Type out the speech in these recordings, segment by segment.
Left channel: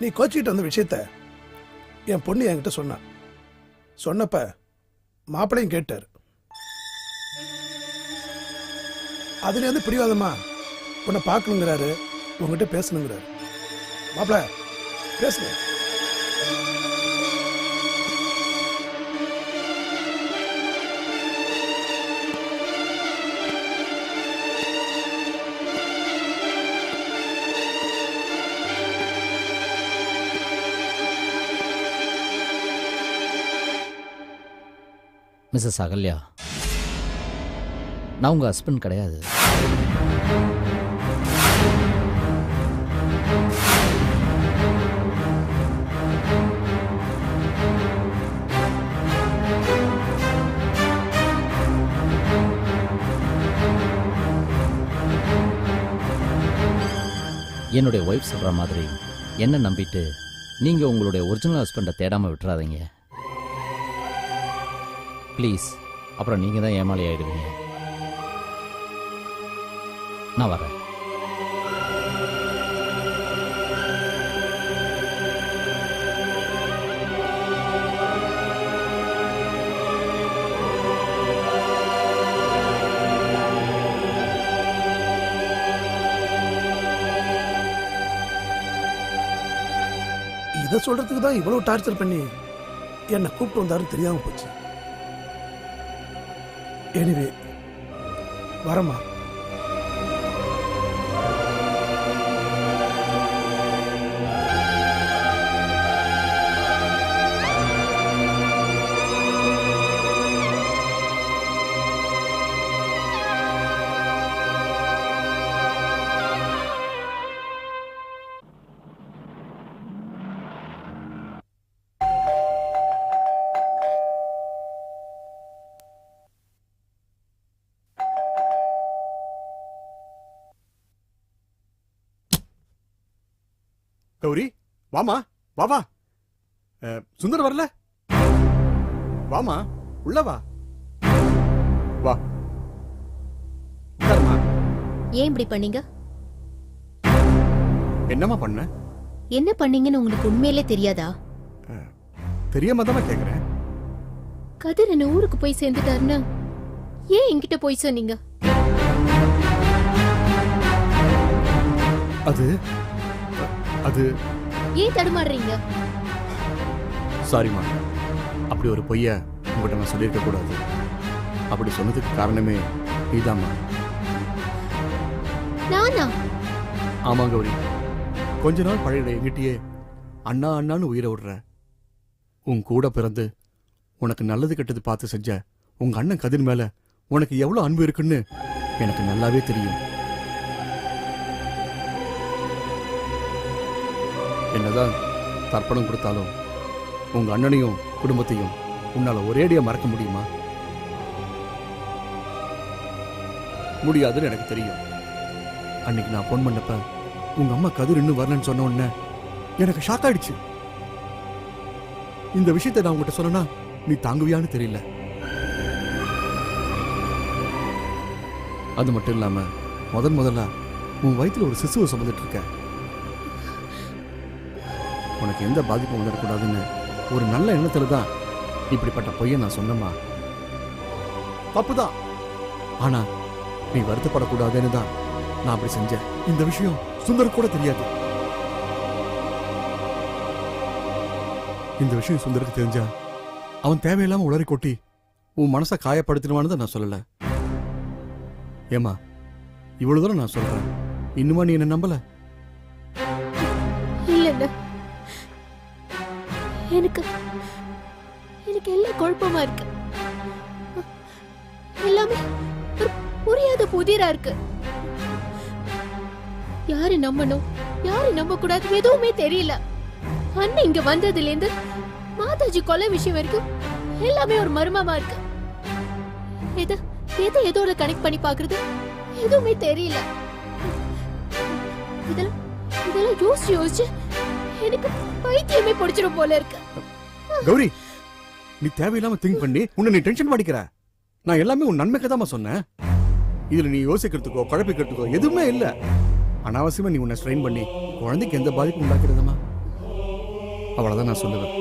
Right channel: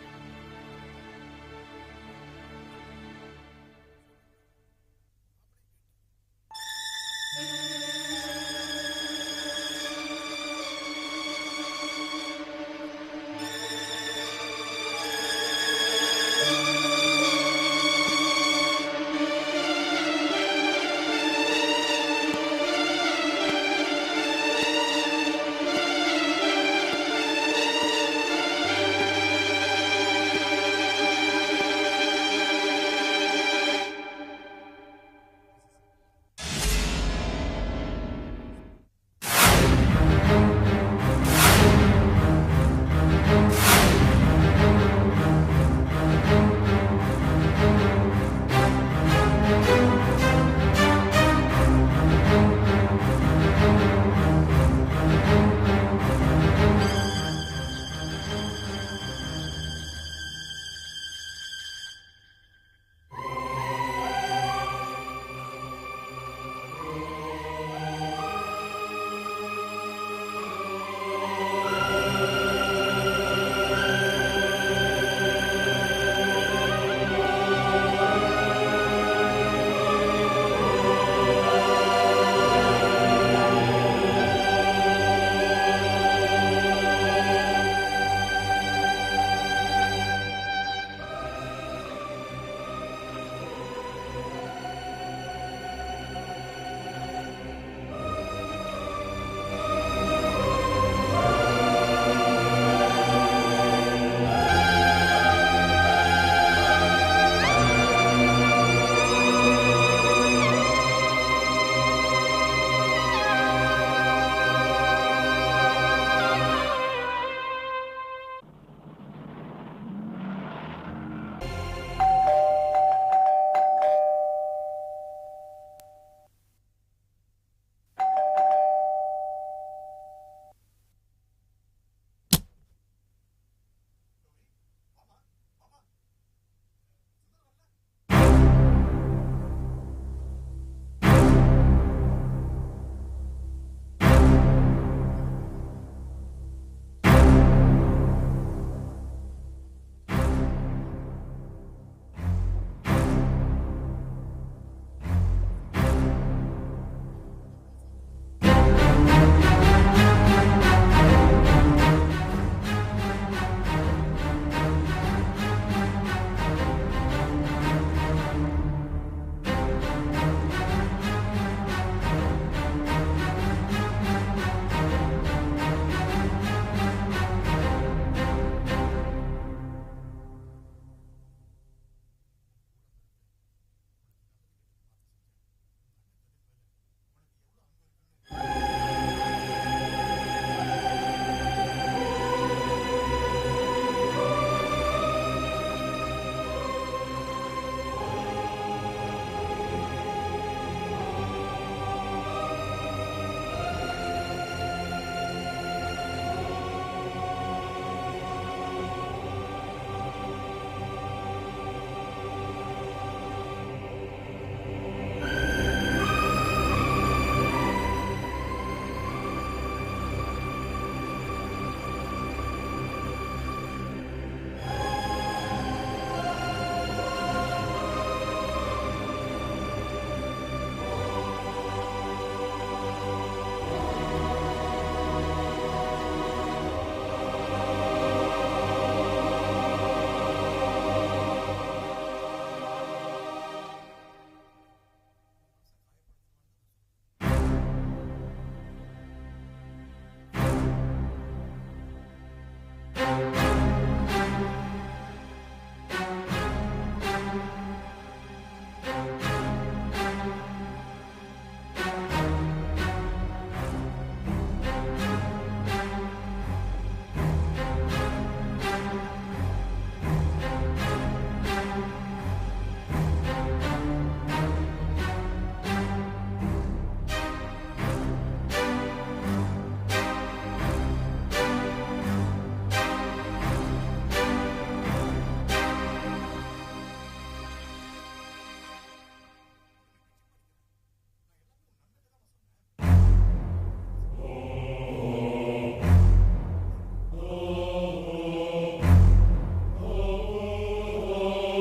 நீ கோச்சிக்கிட்டு வந்த விஷயத்த என் பொண்ணு என்கிட்ட சொன்னான். சொன்னப்ப மாப்பிள்ளையும் கேட்டார். அதுல வந்து பிடிவாதமா உன்னை பார்க்கணுங்கிறாரு, உங்ககிட்ட பேசணுங்கிறாரு. மாப்பிள்ள பேசுங்க. மிஸ்ஸஸ் அகல்யா, நான் உங்கள் ஹஸ்பண்ட் கிடையாது. என்னுடைய ஒய்ஃப் சொல்கிற மாதிரி என்ன நம்பிட்டு நீங்கள் உங்களுடைய ஒரிஜினல் ஹஸ்பண்டை தேடாமல் விட்டுறாதீங்க ப்ளீஸ். அப்புறம் நீங்கள் தான் ஏமாளி ஆகிடுவீங்க. நான் வரேன். இதை சொல்றதுக்கு தான் இவ்வளவு டார்ச்சர் பண்ணி என்னை கூப்பிட்டு வந்தாரு தெரியாம போச்சு. எனிவே வரமா. கௌரி வாமா, வா வா. சுந்தர் வரல? வாமா, உள்ள வா. வா. ஏன் இப்படி பண்ணீங்க? என்னமா பண்ண? என்ன பண்ணீங்கன்னு உங்களுக்கு உண்மையிலே தெரியாதா? தெரியாம தான் கேக்குறேன். கதிர் என்ன ஊருக்கு போய் சேர்ந்துட்டாருன்னா ஏன் என்கிட்ட போய் சொன்னீங்க? அது அது ஏன் தடுமாறுறீங்க? சாரிமா, அப்படி ஒரு பொய்ய உங்கள்கிட்ட நான் சொல்லியிருக்க கூடாது. அப்படி சொன்னதுக்கு காரணமே நீதான். நானா? ஆமா கௌரி, கொஞ்ச நாள் பழைய என்கிட்டயே அண்ணா அண்ணான்னு உயிரை விடுற. உன் கூட பிறந்து உனக்கு நல்லது கெட்டது பார்த்து செஞ்ச உங்க அண்ணன் கதிர் மேல உனக்கு எவ்வளவு அன்பு இருக்குன்னு எனக்கு நல்லாவே தெரியும். என்னதான் தர்ப்பணம் கொடுத்தாலும் உங்க அண்ணனையும் குடும்பத்தையும் உன்னால ஒரேடியா மறக்க முடியுமா? முடியாதுன்னு எனக்கு தெரியும். அன்னைக்கு நான் போன் பண்ணப்ப உங்க அம்மா கதிர் இன்னும் வரலன்னு சொன்ன உடனே எனக்கு ஷாக் ஆயிடுச்சு. இந்த விஷயத்தை நான் உங்ககிட்ட சொன்னா நீ தாங்குவியான்னு தெரியல. அது மட்டும் இல்லாம முதல்ல உன் வயிற்றுல ஒரு சிசுவை சுமந்துட்டு இருக்க. உனக்கு எந்த பாதிப்பும் வரக்கூடாதுன்னு ஒரு நல்ல எண்ணத்துல தான் இப்படிப்பட்ட பொய்யை நான் சொன்னேமா. தப்புதான், ஆனா நீ வருத்தப்படக்கூடாதுன்னு தான் நான் அப்படி செஞ்சேன். இந்த விஷயம் சுந்தர் கூட தெரியாது. இந்த விஷயம் சுந்தருக்கு தெரிஞ்சா அவன் தேவையில்லாம உளறி கொட்டி உன் மனசை காயப்படுத்திடுவான்னு தான் நான் சொல்லல. ஏமா, இவ்வளவு தூரம் நான் சொல்றேன், இன்னுமா நீ என்ன நம்பல? எனக்கு எல்லாம் குழப்பமா இருக்கு. எல்லாமே புரியாத புதிரா இருக்கு. யாரு நம்பணும், யாரு நம்ப கூடாது எதுவுமே தெரியல. அண்ணன் இங்க வந்ததுல இருந்து மாதாஜி கொலை விஷயம் வரைக்கும் எல்லாமே ஒரு மர்மமா இருக்கு. எதோட கனெக்ட் பண்ணி பாக்குறது எதுவுமே தெரியல. இதெல்லாம் யோசிச்சு எனக்கு பைத்தியமே பிடிச்சிடும் போல இருக்கு. கௌரி, நீ தேவையில்லாம திங்க் பண்ணி உன்னை நீ டென்ஷன் பண்ணிக்கிற. நான் எல்லாமே உன் நன்மைக்கு தான் சொன்னேன். இதுல நீ யோசிக்கிறதுக்கோ குழப்பிக்கிறதுக்கோ எதுவுமே இல்ல. அனாவசியமா நீ உன்னை ஸ்ட்ரெயின் பண்ணி குழந்தைக்கு எந்த பாதிப்பும் நடக்குதுமா? அவ்வளவுதான் நான் சொல்லுவேன்.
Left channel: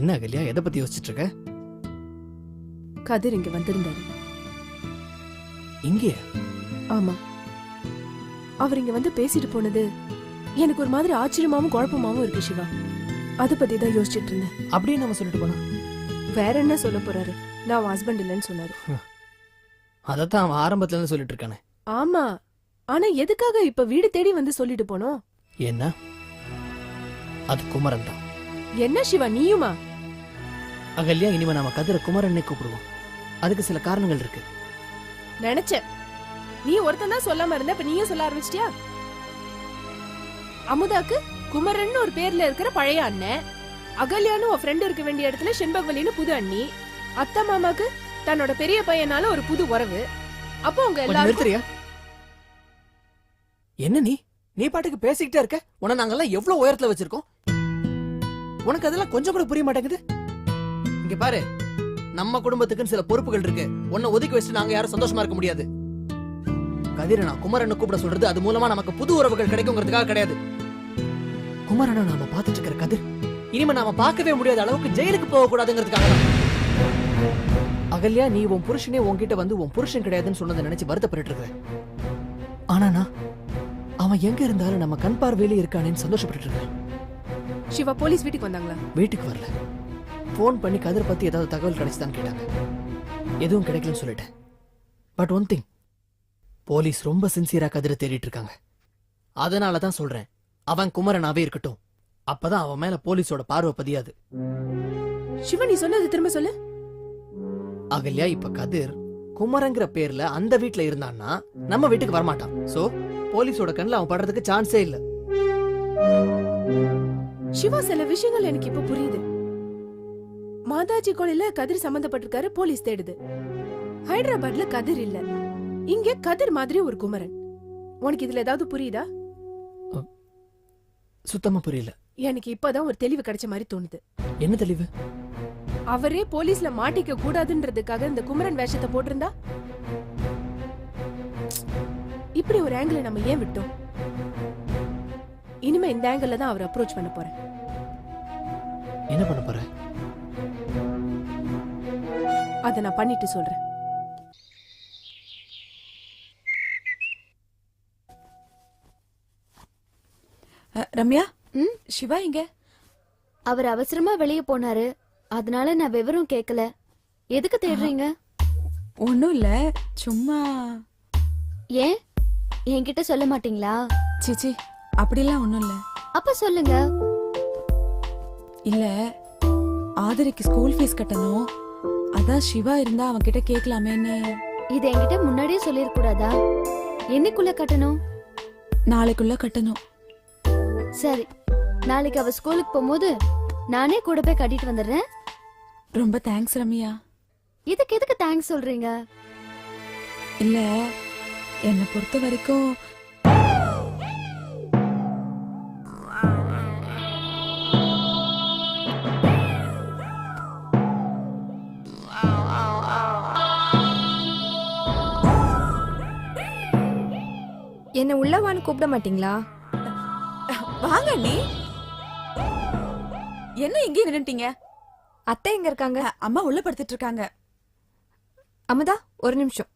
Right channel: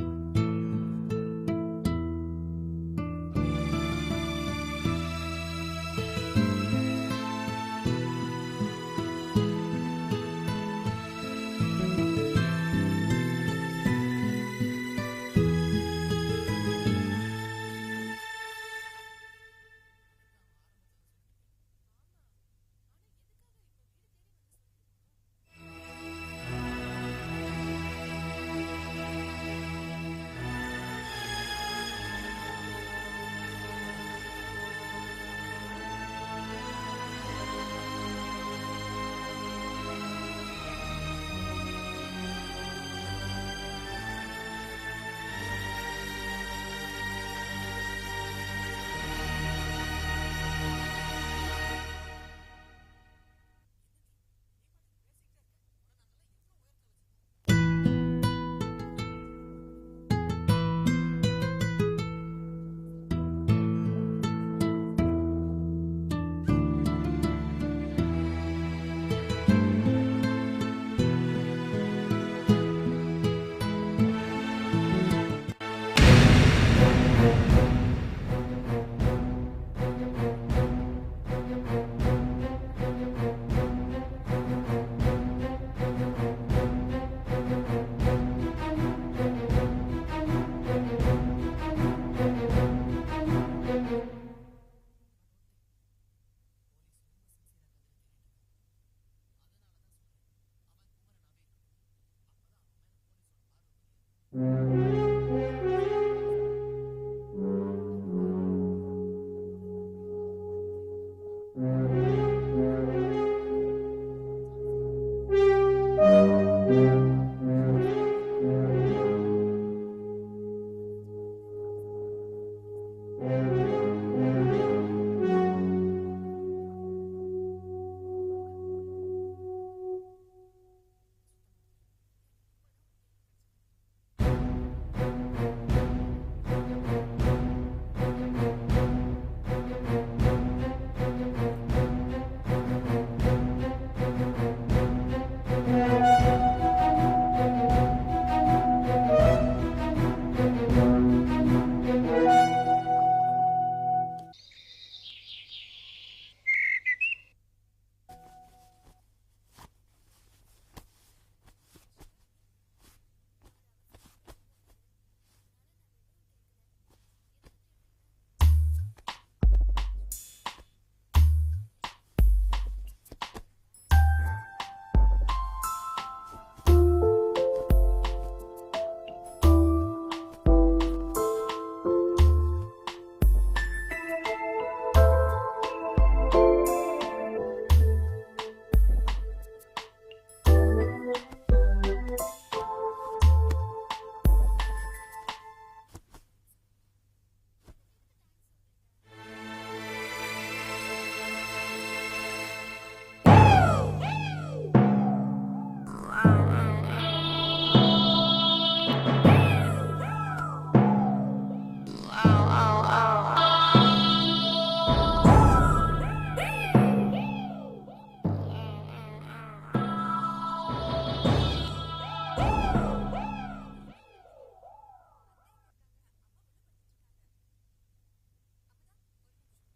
என்ன அகல்யா, எதை பத்தி யோசிச்சுட்டு இருக்க? கதிர் இங்க வந்திருந்தார். இங்கே? ஆமா, அவர் இங்க வந்து பேசிட்டு போனது எனக்கு ஒரு மாதிரி ஆச்சரியமாவும் குழப்பமாவும் இருக்கு சிவா. அதை பத்தி தான் யோசிச்சுட்டு இருந்தேன். அப்படியே நம்ம சொல்லிட்டு போனா வேற என்ன சொல்ல போறாரு? நான் ஹஸ்பண்ட் இல்லைன்னு சொன்னாரு. அதைத்தான் அவன் ஆரம்பத்துல இருந்து சொல்லிட்டு இருக்கானே. ஆமா, ஆனா எதுக்காக இப்ப வீடு தேடி வந்து சொல்லிட்டு போனோம்? என்ன? அது குமரன் தான். என்ன சிவா நீயுமா? அகல்யா, இனிமே நாம கதிர குமரன்னே கூப்பிடுவோம். அதுக்கு சில காரணங்கள் இருக்கு. நினைச்சேன் நீ ஒருத்தன் தான் சொல்லாம இருந்த, இப்ப நீயும் சொல்ல ஆரம்பிச்சிட்டியா? அமுதாக்கு குமரன் ஒரு பேர்ல இருக்கிற பழைய அண்ணன், அகல்யான்னு ஒரு ஃப்ரெண்ட் இருக்க வேண்டிய இடத்துல செண்பகவலின்னு புது அண்ணி, அத்தை மாமாக்கு தன்னோட பெரிய பையனால ஒரு புது உறவு. அப்போ உங்க கொஞ்சம் எல்லாரும் நிறுத்துறியா? என்ன நீ பாட்டுக்கு பேசிக்கிட்டே இருக்க? உன நாங்கெல்லாம் எவ்வளவு உயரத்துல வச்சிருக்கோம். உனக்கு அதெல்லாம் கொஞ்சம் கூட புரிய மாட்டேங்குது. இங்க பாரு, நம்ம குடும்பத்துக்குன்னு சில பொறுப்புகள் இருக்கு. உன்னை ஒதுக்கி வச்சுட்டு நாங்க யாரும் சந்தோஷமா இருக்க முடியாது. கதிர நான் குமரனை கூப்பிட சொல்றது அது மூலமா நமக்கு புது உறவுகள் கிடைக்குங்கிறதுக்காக கிடையாது. குமரனை நாம பாத்துட்டு இருக்கிற கதிர் இனிமே நாம பார்க்கவே முடியாத அளவுக்கு ஜெயிலுக்கு போக கூடாதுங்கிறதுக்காக. அகல்யா, நீ உன் புருஷனே உன்கிட்ட வந்து உன் புருஷன் கிடையாதுன்னு சொன்னதை நினைச்சு வருத்தப்பட்டு இருக்க. ஆனா நான் அவன் எங்க இருந்தாலும் நம்ம கண் பார்வையிலே இருக்கானேன்னு சந்தோஷப்பட்டு இருக்கேன். சிவா போலீஸ் வீட்டுக்கு வந்தாங்களா? வீட்டுக்கு வரல. போன் பண்ணி கதிர் பத்தி ஏதாவது தகவல் கிடைச்சுதான் கேட்டாங்க. எதுவும் கிடைக்கலன்னு சொல்லிட்டேன். பட் ஒன் திங், போலீஸ் ரொம்ப சின்சியரா கதிரை தேடிட்டு இருக்காங்க. அதனாலதான் சொல்றேன், அவன் குமரனாவே இருக்கட்டும். அப்பதான் அவன் மேல போலீஸோட பார்வை பதியாது. சிவா நீ சொன்னது திரும்ப சொல்லு. அகல்யா, இப்ப கதிர் குமரங்கிற பேர்ல அந்த வீட்டுல இருந்தான்னா நம்ம வீட்டுக்கு வரமாட்டான். சோ போலீஸோட கண்ணுல அவன் படுறதுக்கு சான்ஸே இல்ல. சிவா, சில விஷயங்கள் எனக்கு இப்ப புரியுது. மாதாஜி கொலையில கதிர் சம்பந்தப்பட்டிருக்காரு, போலீஸ் தேடுது. ஹைதராபாத்ல கதிர் இல்ல, இங்க கதிர் மாதிரி ஒரு குமரன். உனக்கு இதுல ஏதாவது புரியுதா? சுத்தமா புரியல. எனக்கு இப்பதான் ஒரு தெளிவு கிடைச்ச மாதிரி தோணுது. என்ன தெளிவு? அவரே போலீஸ்ல மாட்டிக்க கூடாதுன்றதுக்காக இந்த குமரன் வேஷத்தை போட்டிருந்தா இப்படி ஒரு ஆங்கிள் நம்ம ஏன் விட்டோம்? இனிமே இந்த ஆங்கிள் தான் அவரை அப்ரோச் பண்ண போறேன். என்ன பண்ண போற? அதை நான் பண்ணிட்டு சொல்றேன். ரம்யா, ம்? சிவா இங்க? அவர் அவசரமா வெளியே போனாரு, அதனால நான் விவரம் கேட்கல. எதுக்கு தேடுறீங்க? ஒண்ணும் இல்ல, சும்மா. ஏன் என்கிட்ட சொல்ல மாட்டீங்களா? சிச்சி, அப்படிலாம் ஒண்ணும் இல்ல. அப்ப சொல்லுங்க. இல்ல, ஆதரிக்கு ஸ்கூல் ஃபீஸ் கட்டணும். அதான் சிவா இருந்தா அவன் கிட்ட கேட்கலாமேன்னு. இது என்கிட்ட முன்னாடியே சொல்லிருக்க கூடாதா? என்னைக்குள்ள கட்டணும்? நாளைக்குள்ள கட்டணும். சரி, நாளைக்கு அவ ஸ்கூலுக்கு போகும்போது நானே கூட போய் கட்டிட்டு வந்துடுறேன். ரொம்ப தேங்க்ஸ் ரம்யா. இதுக்கு எதுக்கு தேங்க்ஸ் சொல்றீங்க? இல்ல, என்னை பொறுத்த வரைக்கும் என்ன உள்ளவான்னு கூப்பிட மாட்டீங்களா? வாங்க. நீ என்ன இங்கே நின்னுட்டீங்க? அத்தை எங்க இருக்காங்க? அம்மா உள்ள படுத்துட்டு இருக்காங்க. அமுதா, ஒரு நிமிஷம்.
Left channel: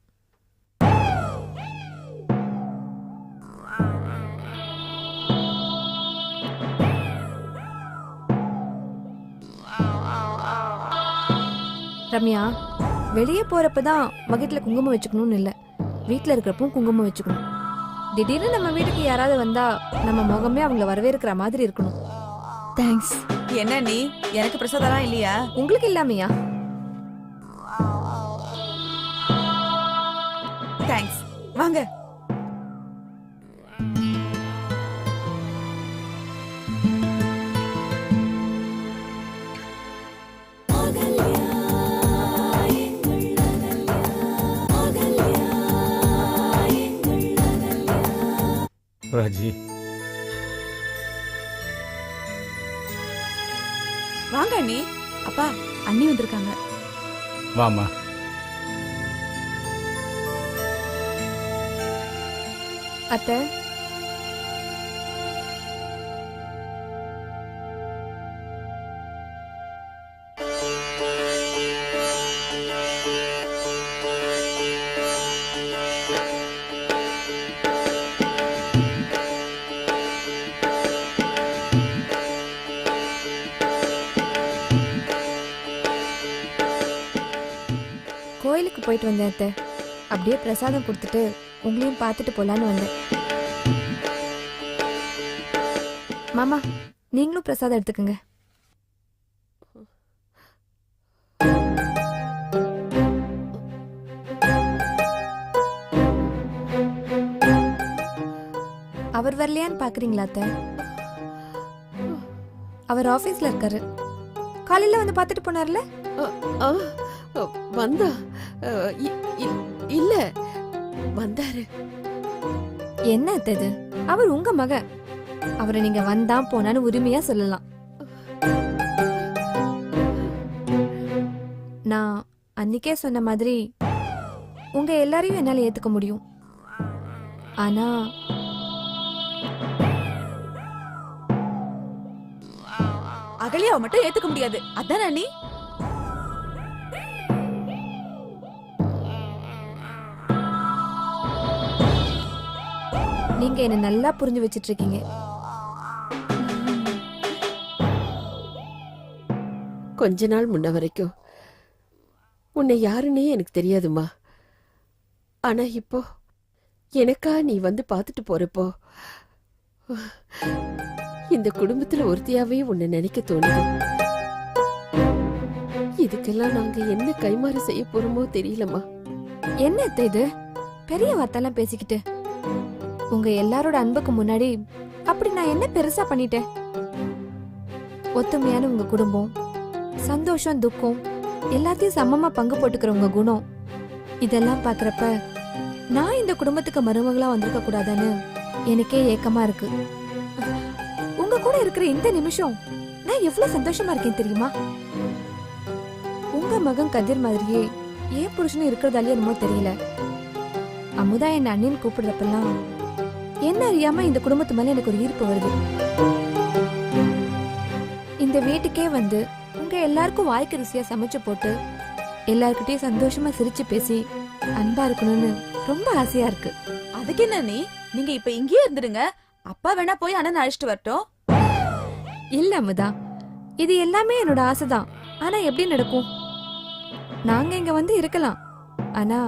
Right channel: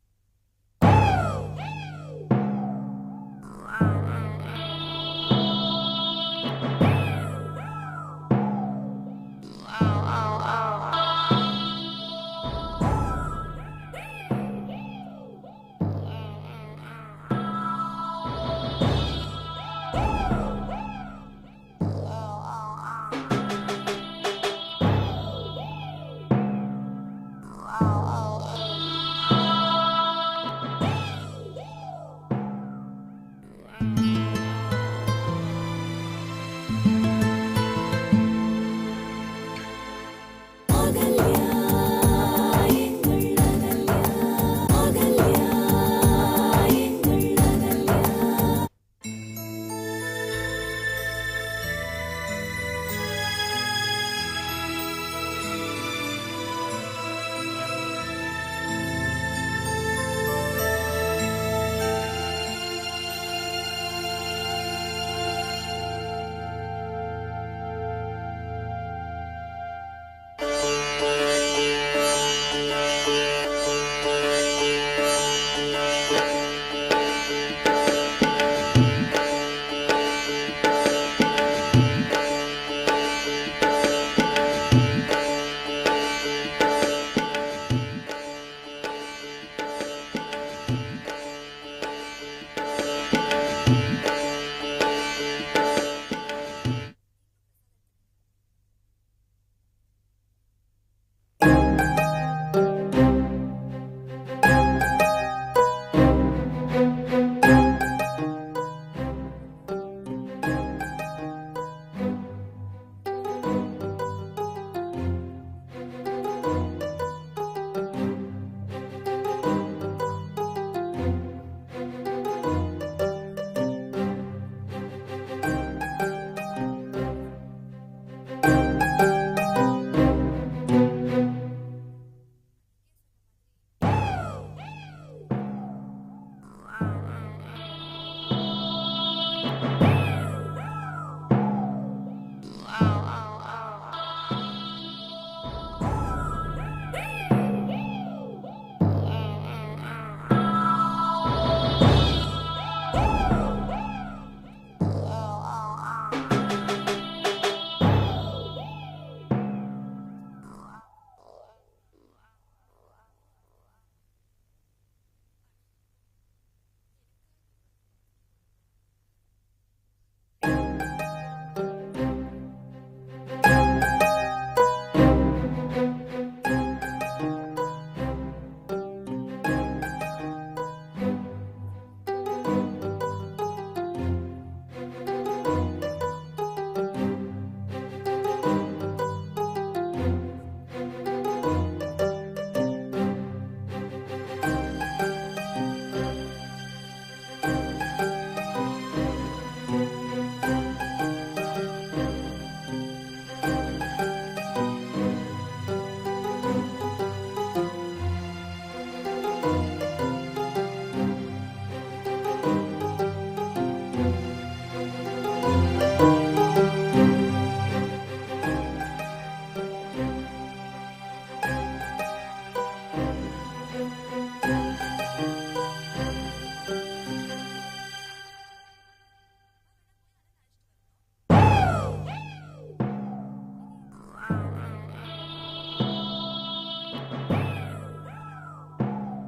ரம்யா, வெளியே போறப்பதான் வகிட்டுல குங்குமம் வச்சுக்கணும்னு இல்ல, வீட்டுல இருக்கிறப்பவும் குங்குமம் வச்சுக்கணும். திடீர்னு நம்ம வீட்டுக்கு யாராவது வந்தா நம்ம முகமே அவங்கள வரவேற்கிற மாதிரி இருக்கணும். தேங்க்ஸ். என்ன நீ, எனக்கு பிரசாதம் இல்லையா? உங்களுக்கு இல்லாமையா? தேங்க்ஸ். வாங்க. ராஜி. வாங்க அண்ணி. அப்பா, அண்ணி வந்திருக்காங்க. வாமா. அத்தை, கோயிலுக்கு போயிட்டு வந்தேன் அத்தை. அப்படியே பிரசாதம் கொடுத்துட்டு உங்களையும் பார்த்துட்டு போலான்னு வந்தேன். மாமா, நீங்களும் பிரசாதம் எடுத்துக்கங்க. அவர் வரலையான்னு பாக்குறீங்களா அத்தை? அவர் ஆபீஸ்ல இருக்காரு. காலையில வந்து பார்த்துட்டு போனார்ல? ஆ, வந்தா இல்ல வந்தாரு. என்ன அத்தை இது? அவர் உங்க மக. அவரை நீங்க வந்தா போனான்னு உரிமையா சொல்லலாம். நான் அன்னைக்கே சொன்ன மாதிரி உங்க எல்லாரையும் என்னால ஏத்துக்க முடியும். ஆனா அகலியாவை மட்டும் ஏத்துக்க முடியாது. அதான் அண்ணி. நீங்க என்ன நல்லா புரிஞ்சு வச்சிட்டு இருக்கீங்க. கொஞ்ச நாள் முன்ன வரைக்கும் உன்னை யாருன்னே எனக்கு தெரியாதுமா. ஆனா இப்போ எனக்கா நீ வந்து பார்த்துட்டு போறப்போ இந்த குடும்பத்துல ஒருத்தியாவே உன்னை நினைக்க தோணுது. இதுக்கெல்லாம் நாங்க என்ன கைமாறு செய்ய போறோமோ தெரியலம்மா. என்ன அத்தை இது? பெரிய வார்த்தைலாம் பேசிக்கிட்டு உங்க எல்லாரோட அன்புக்கு முன்னாடி அப்படி நான் என்ன பெருசா பண்ணிட்டேன்? ஒத்துமையான உங்க குடும்பம், சந்தோஷம் துக்கம் எல்லாத்தையும் சமமா பங்கு போட்டுக்கிற உங்க குணம், இதெல்லாம் பாக்குறப்ப நான் இந்த குடும்பத்துக்கு மருமகளா வந்திருக்க கூடாதான்னு எனக்கே ஏக்கமா இருக்கு. உங்க கூட இருக்கிற இந்த நிமிஷம் நான் எவ்வளவு சந்தோஷமா இருக்கேன் தெரியுமா? உங்க மகன் கதிர் மாதிரியே ஏன் புருஷனும் இருக்கிறதாலே என்னமோ தெரியல. அமுதா என்ன அண்ணின்னு கூப்பிடுறப்பெல்லாம் என்ன அறியாம இந்த குடும்பத்து மேல எனக்கு ஒரு ஈர்ப்பு வருது. இந்த வீட்டுக்கே வந்து உங்க எல்லாருக்கும் வாய்க்கு ருசியா சமைச்சு போட்டு எல்லாருக்கிட்டையும் சந்தோஷமா சிரிச்சு பேசி அன்பா இருக்கணும்னு ரொம்ப ஆசையா இருக்கு. அதுக்கு என்ன நீ? நீங்க இப்ப இங்கேயே இருந்துடுங்க. அப்பா வேணா போய் அண்ணன் அழைச்சிட்டு வரட்டும். இல்ல அமுதா, இது எல்லாமே என்னோட ஆசைதான். ஆனா எப்படி நடக்கும்? நாங்க இங்க வந்து இருக்கலாம். ஆனா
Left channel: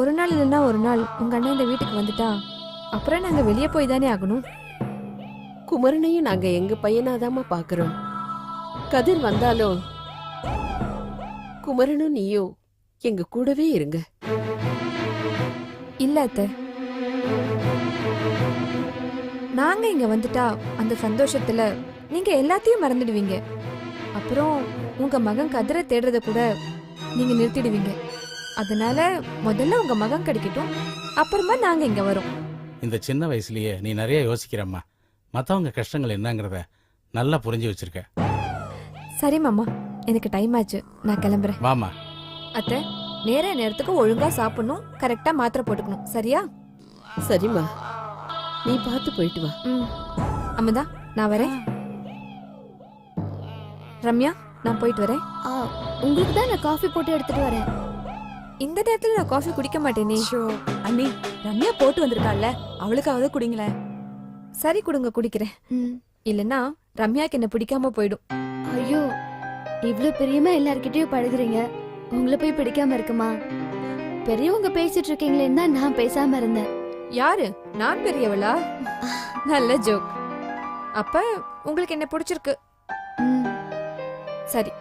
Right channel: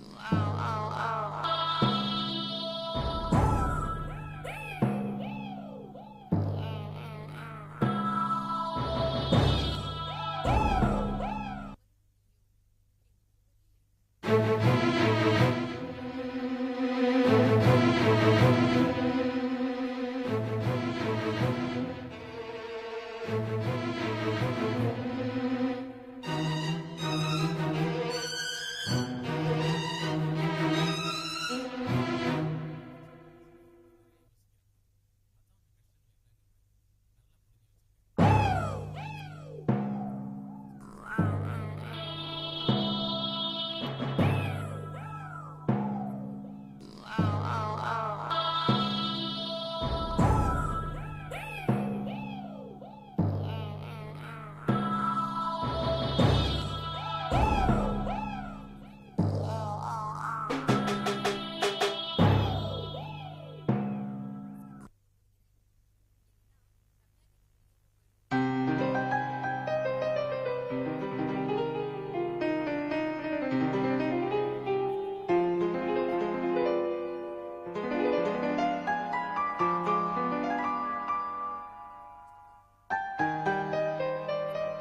ஒரு நாள் இல்லைன்னா ஒரு நாள் உங்க அண்ணன் இந்த வீட்டுக்கு வந்துட்டா அப்புறம் நாங்க வெளியே போய் தானே ஆகணும். குமரனையும் நாங்க எங்க பையனாதாம்மா பாக்குறோம். கதிர் வந்தாலும் குமரனும் நீயும் எங்க கூடவே இருங்க. இல்ல அத்தை, நாங்க இங்க வந்துட்டா அந்த சந்தோஷத்துல நீங்க எல்லாத்தையும் மறந்துடுவீங்க. அப்புறம் உங்க மகன் கதிரை தேடுறத கூட நீங்க நிறுத்திடுவீங்க. அதனால முதல்ல உங்க மகன் கிடைக்கட்டும், அப்புறமா நாங்க இங்க வரோம். இந்த சின்ன வயசுலயே நீ நிறைய யோசிக்கிறம்மா. மற்றவங்க கஷ்டங்கள் என்னங்கிறத நல்லா புரிஞ்சு வச்சிருக்க. சரி மாமா, எனக்கு டைம் ஆச்சு, நான் கிளம்புறேன். வாமா. அத்தை, நேரத்துக்கு ஒழுங்கா சாப்பிடணும், கரெக்டா மாத்திரை போட்டுக்கணும், சரியா? சரிம்மா, நீ பார்த்து போயிட்டு வா. அமுதா, நான் வரேன். ரம்யா, நான் போயிட்டு வரேன். உங்களுக்கு தான் நான் காஃபி போட்டு எடுத்துட்டு வரேன். இந்த நேரத்துல நான் காஃபி குடிக்க மாட்டேனே. அண்ணி, ரம்யா போட்டு வந்திருக்காள்ல, அவளுக்காவது குடிங்களேன். சரி கொடுங்க, குடிக்கிறேன். இல்லனா ரம்யாக்கு என்ன பிடிக்காம போயிடும். ஐயோ, இவ்ளோ பிரியமா எல்லார்கிட்டயும் பழகுறீங்க, உங்களை போய் பிடிக்காம இருக்குமா? பெரியவங்க பேசிட்டு இருக்கீங்களேன்னு தான் நான் பேசாம இருந்தேன். யாரு? நான் பெரியவளா? நல்ல ஜோக். அப்ப உங்களுக்கு என்ன பிடிச்சிருக்கு? சரி,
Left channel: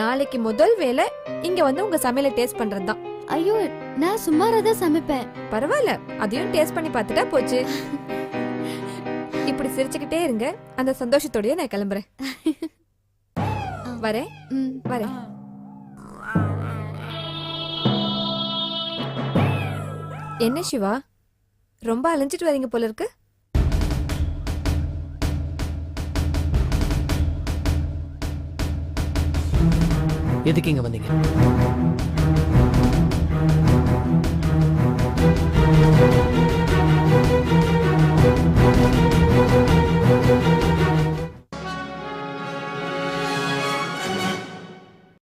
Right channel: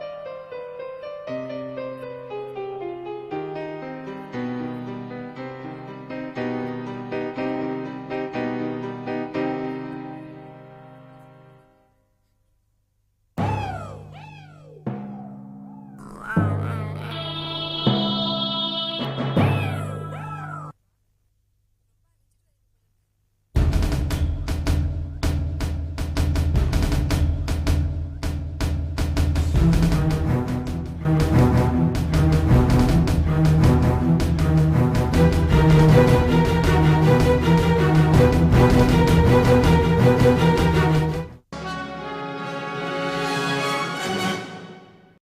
நாளைக்கு முதல் வேலை இங்க வந்து உங்க சமையலை டேஸ்ட் பண்றதுதான். ஐயோ, நான் சுமாராதான் சமைப்பேன். பரவாயில்ல, அதையும் டேஸ்ட் பண்ணி பார்த்துட்டா போச்சு. இப்படி சிரிச்சுக்கிட்டே இருங்க, அந்த சந்தோஷத்தோடய நான் கிளம்புறேன். வரேன் வரேன். என்ன சிவா, ரொம்ப அலைஞ்சிட்டு வரீங்க போல இருக்கு. எதுக்கு இங்க வந்தீங்க?